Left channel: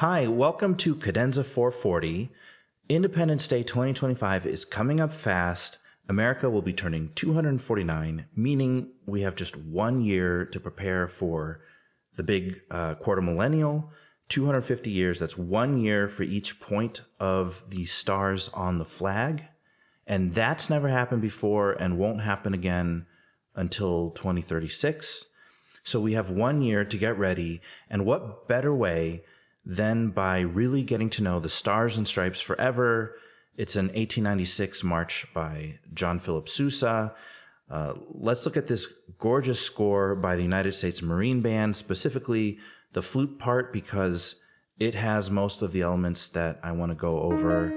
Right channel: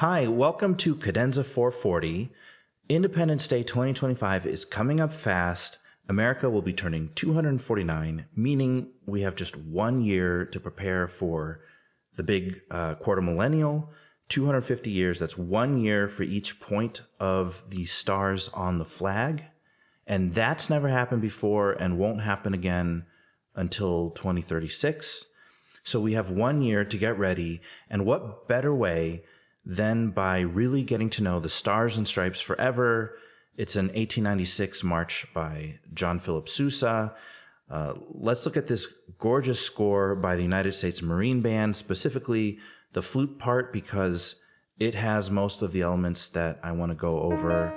Hi, welcome to Cadenza 440. Independence Day 2025 is coming up fast. America will be turning 249, meaning we have just 1 year to prepare for the big quarter millennial. 250 years, that's 1 year for each point of the stars on the flag. And that's never happened before and won't happen again until 2036. So we have 1 year to get ready. And what better way than by really getting to know the Stars and Stripes Forever. It's an 1896 march by John Philip Sousa. Let's look at this gorgeous score by the United States Marine Band, specifically the flute part, because it has most of the elements that I want to go over.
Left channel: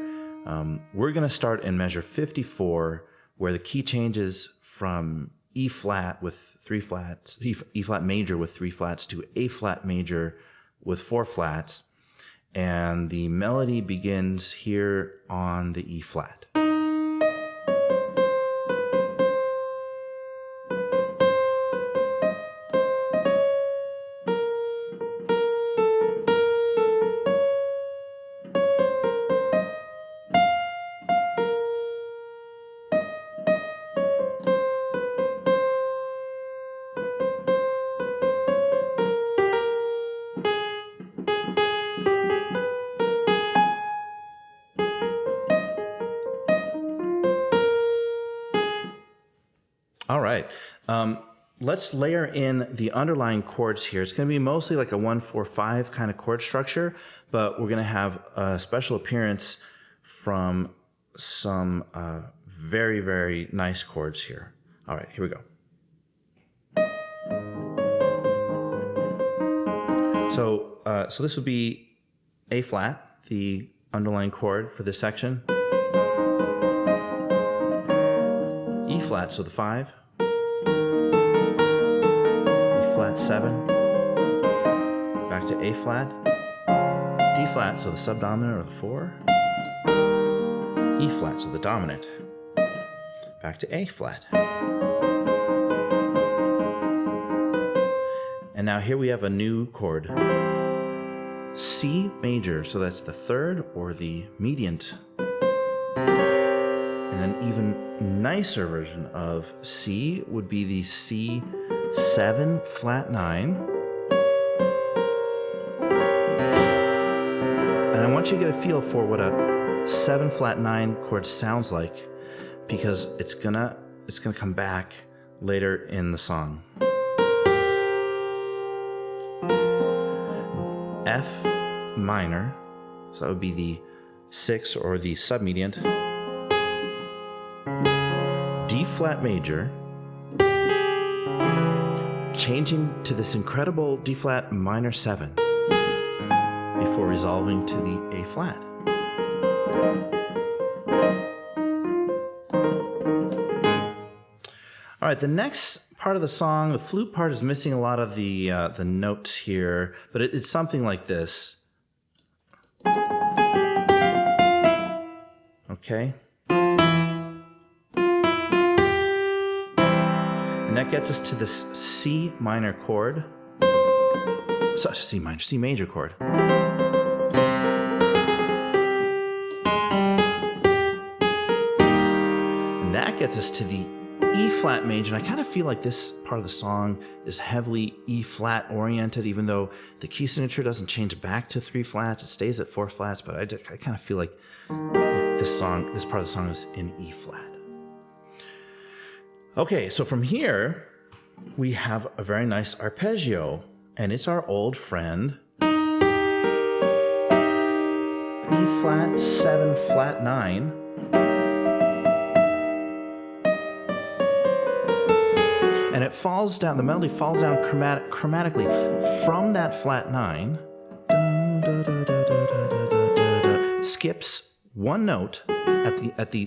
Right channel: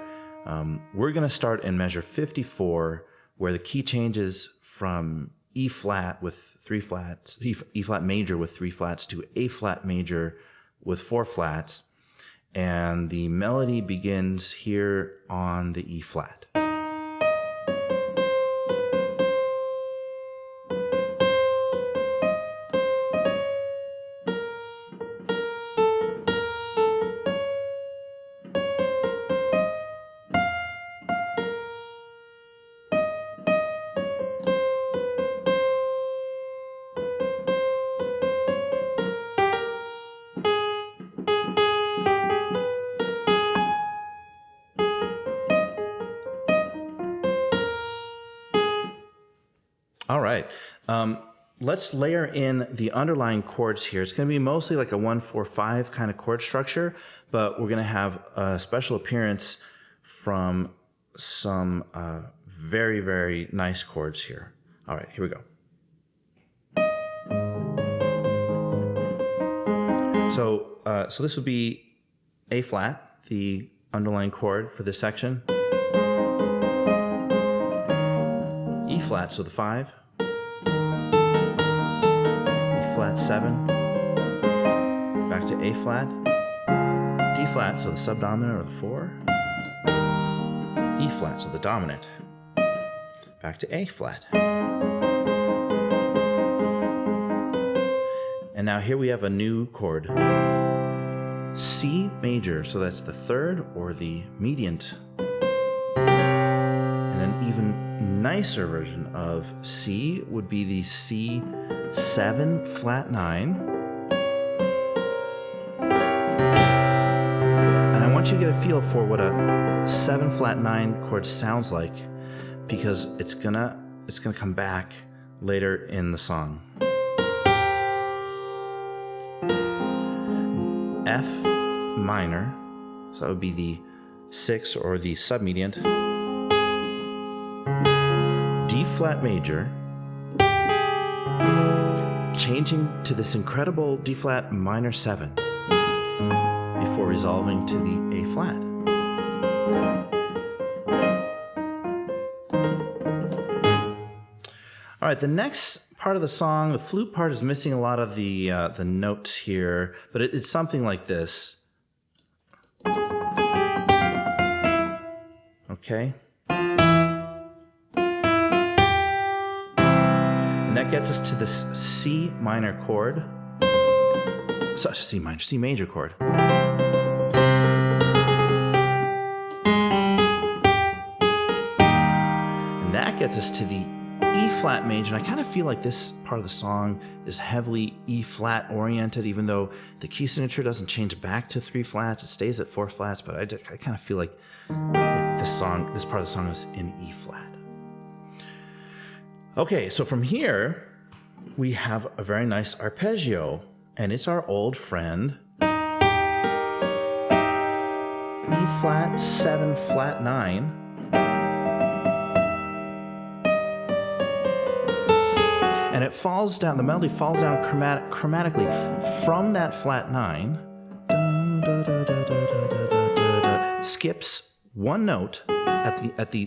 We're going to start in measure 54, where the key changes from E flat with 3 flats, E flat major with 3 flats, to A flat major with 4 flats, and the melody begins here on the E flat. All right, let's layer in the underlying chords here. It's going to be mostly like a 1-4-5 kind of chord structure, but we're going to have a special appearance from some very, very nice chords here. All right, here we go. So this would be A flat, the underlying chord for this section. E flat, so the 5. E flat 7. Back to A flat. D flat, so the subdominant or the 4. E flat, so the dominant. Back to A flat. And now here we have a new chord. C major, so that's the 3rd or the mediant. And an even nicer version of C would be the C7 flat 9. And I want you to get a feel for what a 7 flat 9 chord sounds like, because it's gonna come back later in the song. F minor, so that would be the 6 or the submediant. D flat major, changing to this incredible D flat minor 7 before resolving to the A flat. All right, the next part of the song, the flute part, is missing a lot of the notes here, but it's something like this. Okay. And that gets us to this C minor chord. Such a C major chord. And that gets us to the E flat major. And I kind of feel like this part of the song is heavily E flat oriented, even though the key signature doesn't change back to 3 flats. It stays at 4 flats, but I kind of feel like this part of the song is in E flat. Okay, so from here, we have a very nice arpeggio, and it's our old friend. E flat 7 flat 9. And it falls down, the melody falls down chromatically from that flat 9, skips 1 note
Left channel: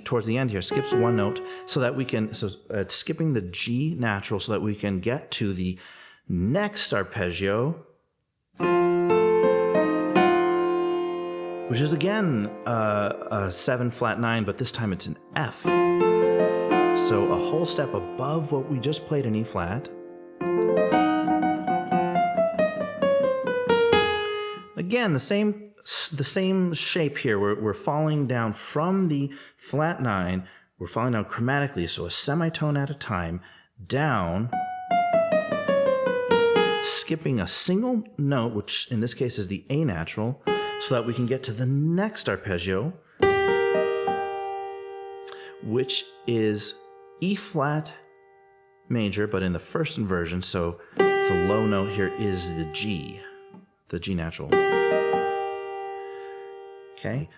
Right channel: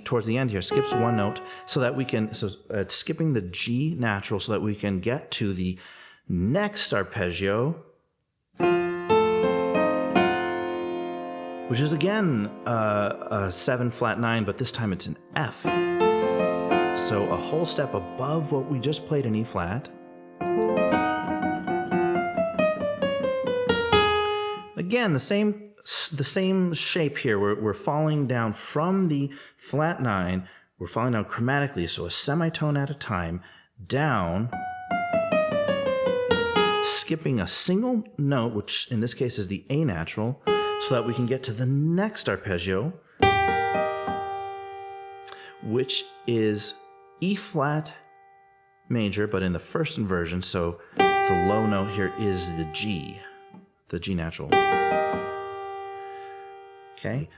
towards the end here, skips 1 note, so that we can, it's skipping the G natural so that we can get to the next arpeggio, which is again a 7 flat 9, but this time it's an F. So a whole step above what we just played in E flat. Again, the same the same shape here. We're falling down from the flat 9. We're falling down chromatically, so a semitone at a time, down, skipping a single note, which in this case is the A natural, so that we can get to the next arpeggio, which is E flat major, but in the first inversion, so the low note here is the G natural. Okay.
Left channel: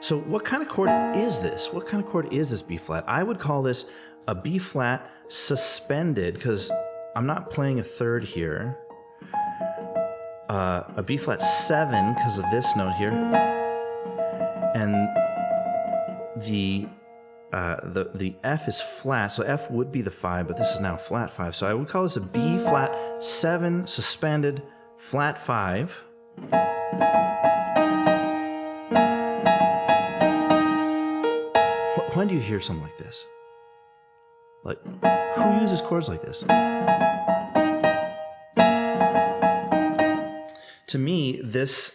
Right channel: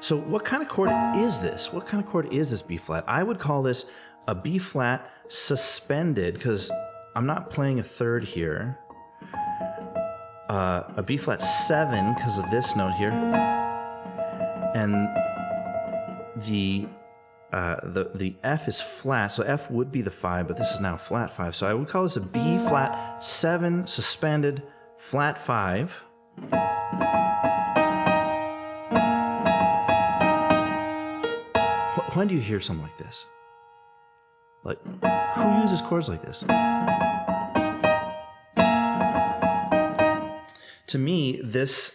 So what kind of chord is this? What kind of chord is this B flat? I would call this a B flat suspended, because I'm not playing a third here. A B flat 7 because of this note here. And the F is flat, so F would be the 5, but this is now flat 5. So I would call this a B flat 7 suspended flat 5. When do you hear something like this? Like, who uses chords like this? To me, this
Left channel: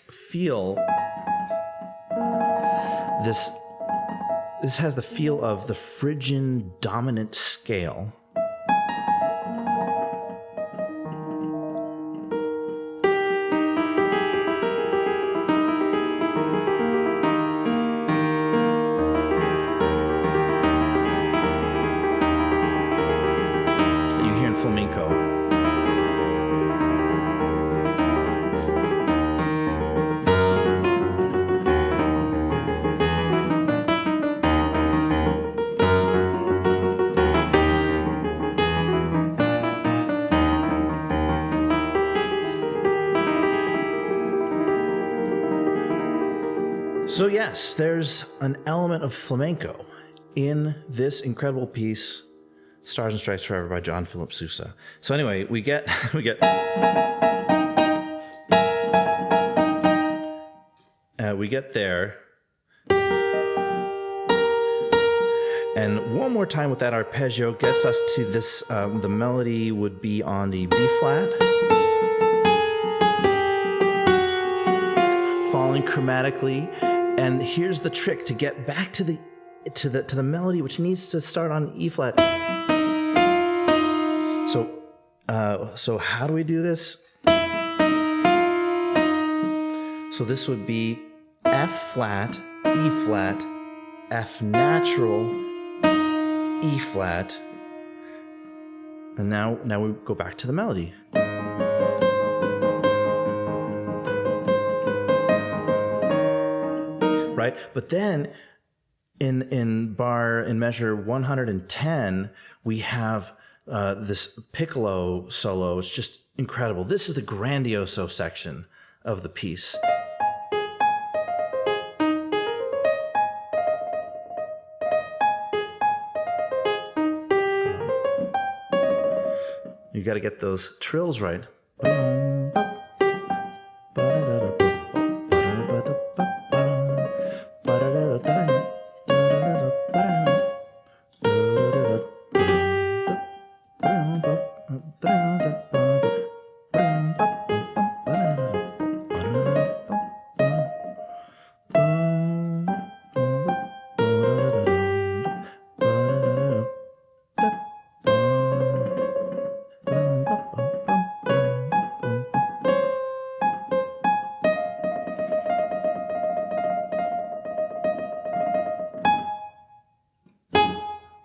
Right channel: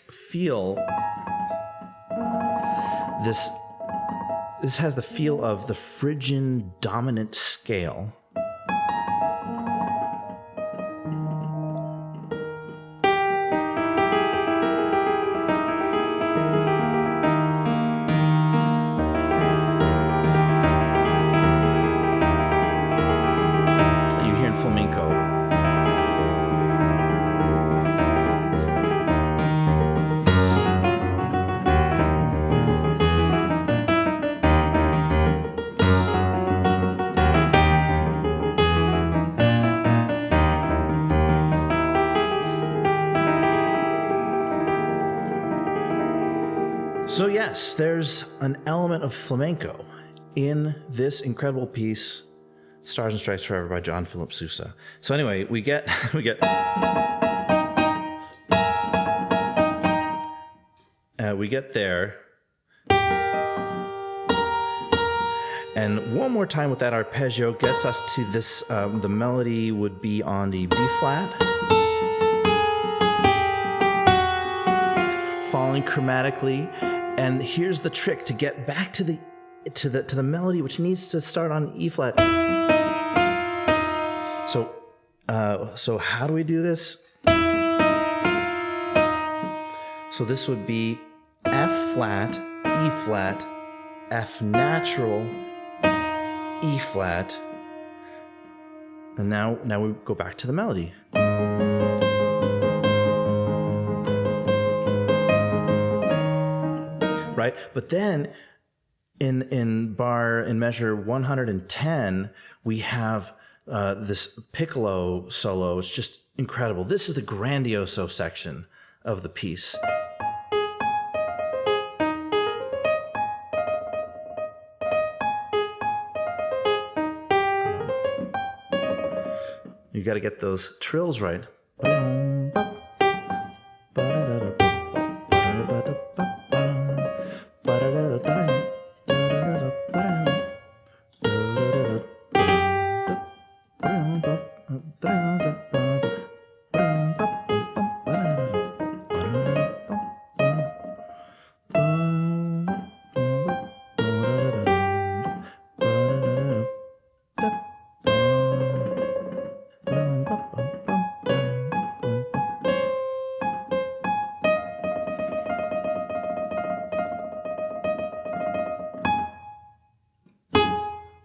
has the feel of the Phrygian dominant scale. That you hear in flamenco. So yes, there's an element of flamenco in this incredible piece, Stars and Stripes Forever by John Philip Sousa. So anyway, we get there. And one more time with that arpeggio gets us to this, the melody would be on the B flat, falling chromatically. And here's the trick to get back to the melody, which needs to start on E flat. So how do we do this? So this would be F flat, E flat, F natural, E flat, and now we go back to the melody. Right? But then in measure 110, we have this piccolo solo. It's just incredible. This is the grandioso section of the piece. You got to get those trills right.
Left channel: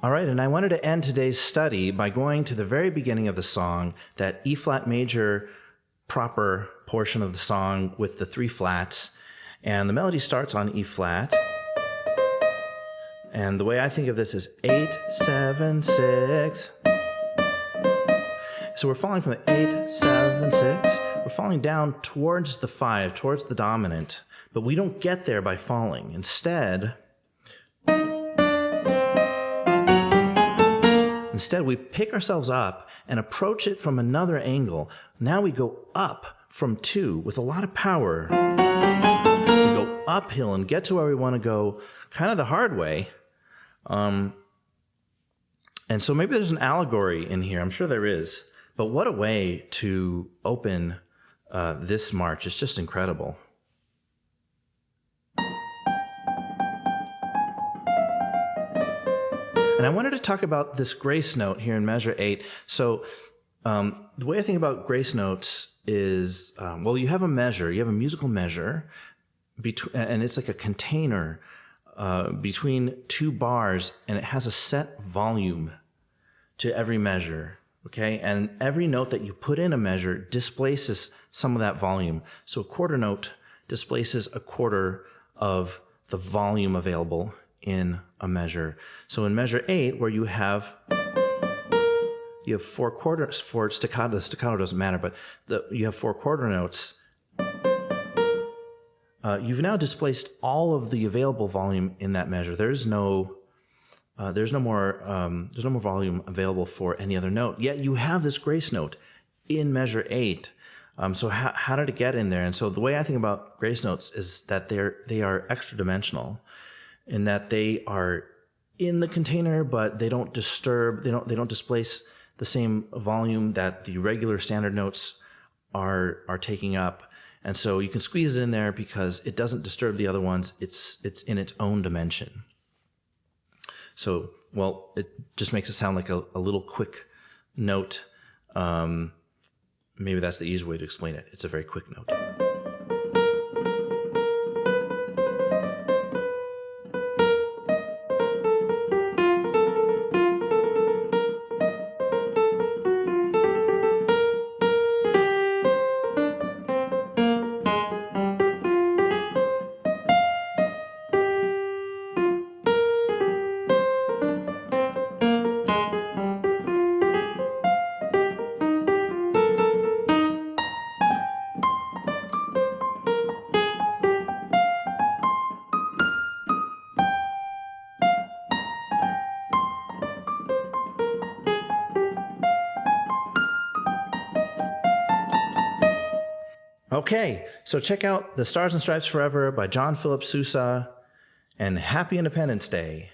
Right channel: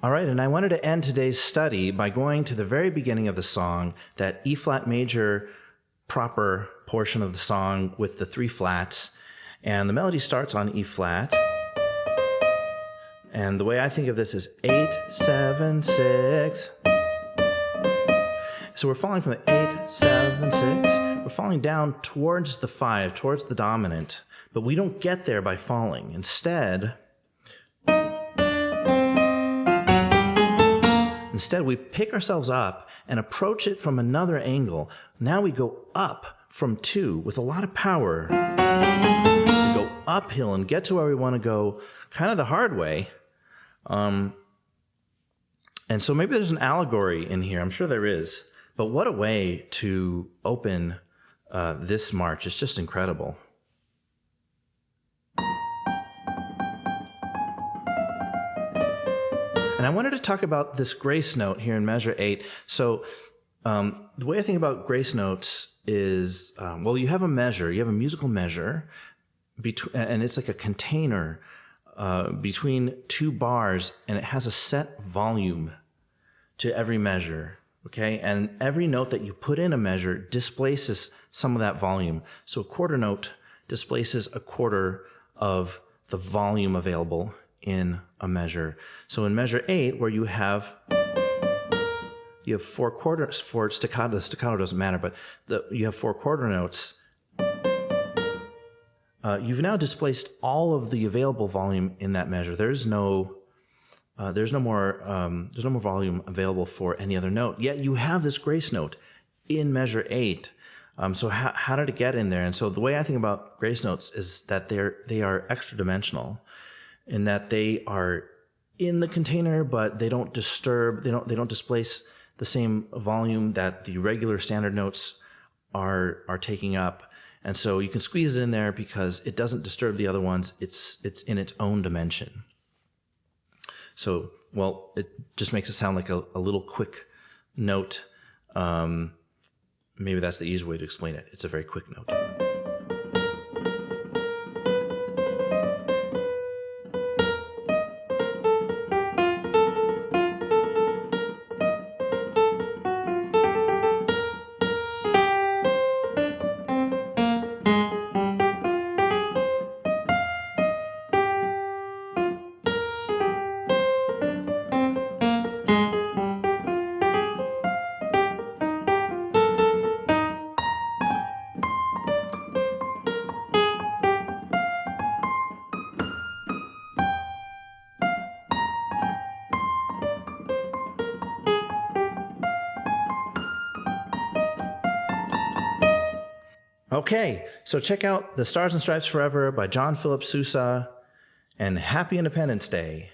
All right, and I wanted to end today's study by going to the very beginning of the song, that E flat major proper portion of the song with the 3 flats. And the melody starts on E flat. And the way I think of this is 8, 7, 6. So we're falling from the 8, 7, 6. We're falling down towards the 5, towards the dominant. But we don't get there by falling. Instead, we pick ourselves up and approach it from another angle. Now we go up from 2 with a lot of power. We go uphill and get to where we want to go kind of the hard way. And so maybe there's an allegory in here. I'm sure there is. But what a way to open this march. It's just incredible. And I wanted to talk about this grace note here in measure 8. So the way I think about grace notes is, well, you have a measure, you have a musical measure, and it's like a container between two bars, and it has a set volume to every measure, okay? And every note that you put in a measure displaces some of that volume. So a quarter note displaces a quarter of the volume available in a measure. So in measure 8, where you have 4 quarters for staccato. The staccato doesn't matter, but you have 4 quarter notes. You've now displaced all of the available volume in that measure. There's no more volume available for any other note. Yet you have this grace note in measure 8. So how did it get in there? And so the way I think about grace notes is that they are extra dimensional, in that they are in the container, but they don't disturb. They don't displace the same volume that the regular standard notes are taking up. And so you can squeeze it in there because it doesn't disturb the other ones. It's in its own dimension. So, well, it just makes it sound like a little quick note. Maybe that's the easiest way to explain it. It's a very quick note. Okay, so check out The Stars and Stripes Forever by John Philip Sousa, and Happy Independence Day.